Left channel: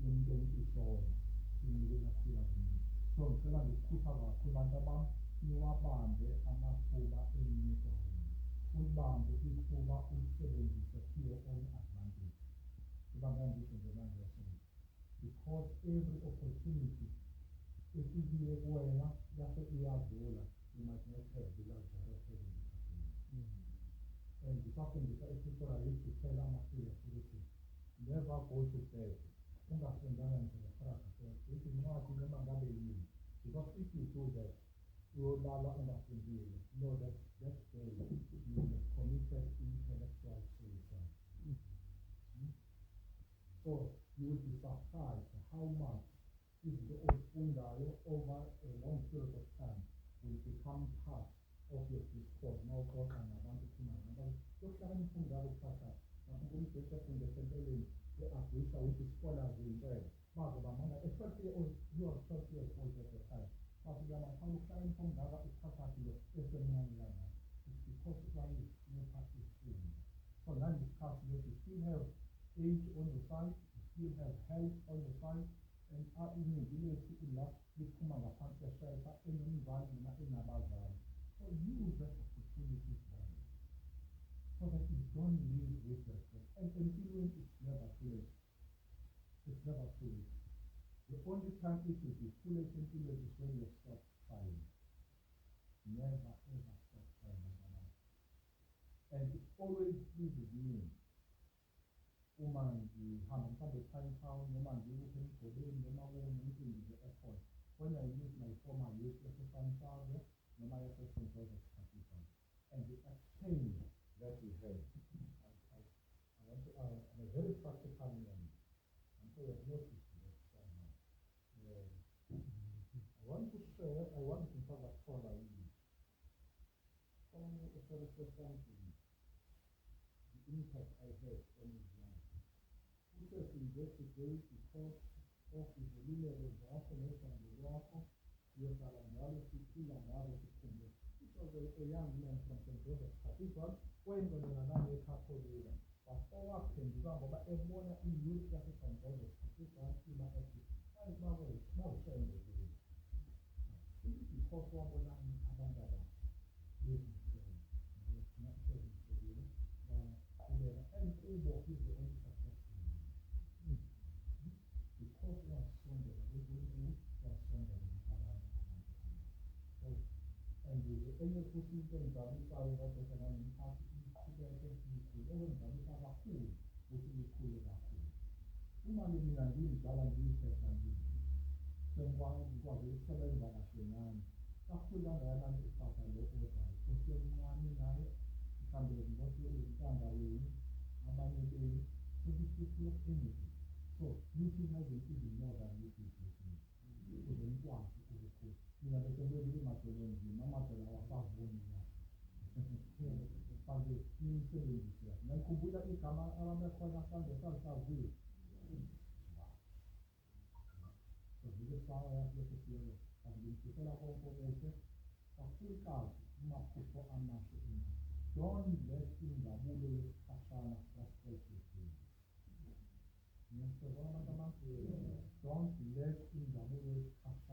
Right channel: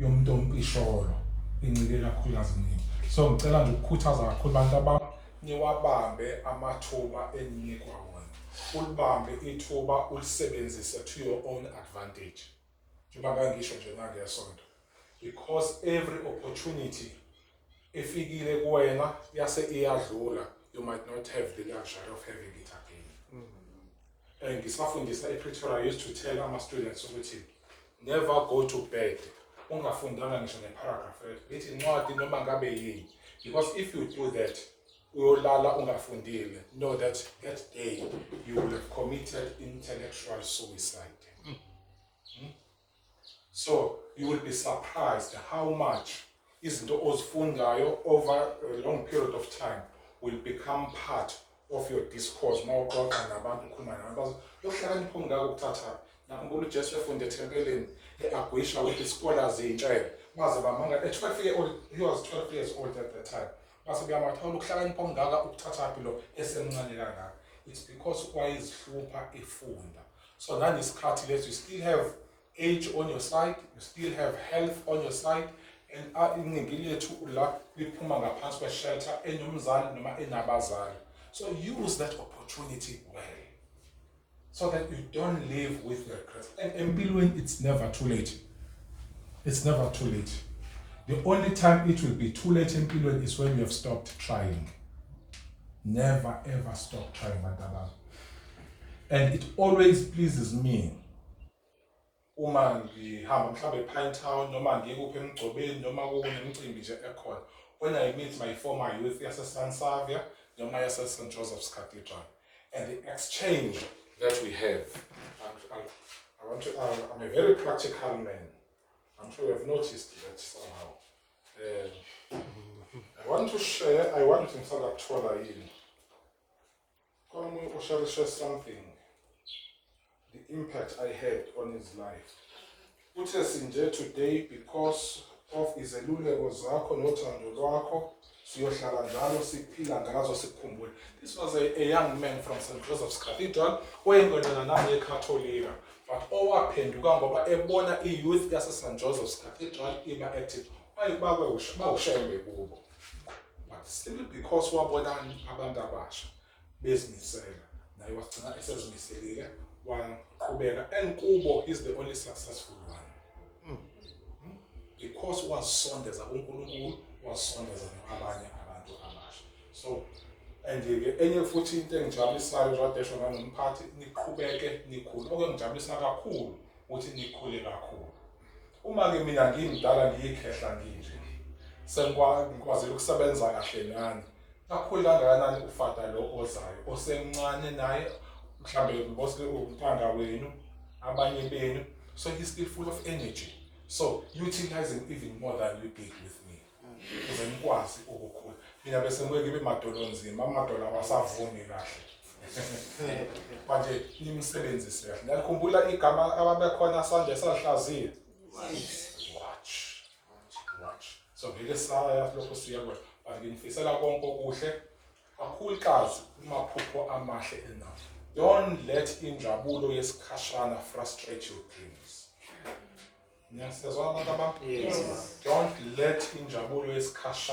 yomntompisholo incike kakhulukazi nini. So ngicela nje ukukhuthaza kakhulu abantu abami niwabambe amathuba eninikwa wona. Ulibambe ithuba ulisebenzise to your own advantage. Njengoba ngisho nje nangesonto. Because every opportunity efikile kuwena yase iyadlula, you might not have the luxury of having it again. And ngisafundisa ePretoria, I used to tell my students ukuthi never go to bed ungafundanga ngisho neparagraph ethi incwadi noma ngabe yini, because if you do that uyolala ungafundile, know that that day you will have committed intellectual suicide. So you will be surprised how much izinto ozifundayo over a long period of time will become part of your discourse. Mawuxoxa nabantu ukhuluma nabantu yokuhlakanipha ongaka ukuthatha. Nakhumbula uJesu efunde ethempelini eAgwisha with the scholars ey'ntshele baze bamanga he was 12 years old at the time. Base beyamathawula ukuhlakanipha ongaka ukuthathaphi lo esemncane kangaka. It's because wayezihlupha efunda. So nanesikhathi leso you still have age on your side, you still have health on your side, and iningi lethu la liphuma ngaphansi kweshelter enomzali noma enabazali. So use that opportunity well, so that you don't live with regrets. And empilweni, it's never too late. It's never too late. The only time it will be too late empilweni is when you have stopped trying. Never ever stop trying, Madaba. And it always pleases me uma ngihamba mhlawumbe ePinetown noma ngikuphi emgcobeni noma kunemicimbi nje ekhona, when I meet my former youth yase-Sansavia noma yase-St. Joseph's Cathedral, and the exchange that we have. I'm a very practical man. I'm sure you have noticed that somehow. I want to share, I want to share something, the impact I had on his life. Put us in there today because of izeluleko zakho nothando lwakho, siyohlala njalo siphila ngazo sikhumbule. This was a young man from St. Joseph's Cathedral oyingqondana nami eCatholika, but owaphenduka ngoba ebona i-youth yase-St. Joseph's Cathedral iba active. Bawushembe kubo, but simply because wabona abantu abasha bezimisela, naye wagcina esezimiselile waqhubeka, and kubo he's the only successful one. Because wasondeza kuNkulunkulu, wasondeza nabanye abantu abasha. So and enye futhi into engijabulisayo njengoba esho nganomphathi, niqhubeke nikhule. Okungijabulisa kakhulu ukuthi nikhule kakhulu. Uma ke mina ngimdala ngiyikhehla nginje, sengikwazile ukusebenza kahle nani, kakhulu kangakanani ufata lo ozayo osemncane naye, mhlambe bose umntanga wenu, abanye benu, so he's still full of energy. So utilize him even more than you did with me. Ukuze nikwazi ukukhula. Mina bese ngeke ngibe madolo nzima, amadolo awasavumi kahle. Manje nimsebenzise kahle. Ngiyakhumbula igama ababekhona sanje sahlaziya. Watch. So ngeke saya lokho siyakwenza. But ngifisela konke okuhle, kakhulukazi amaphupho amahle enawo. Don't let injabulo yesikhashana frustrate your dreams. Yes. Don't let injabulo yesikhashana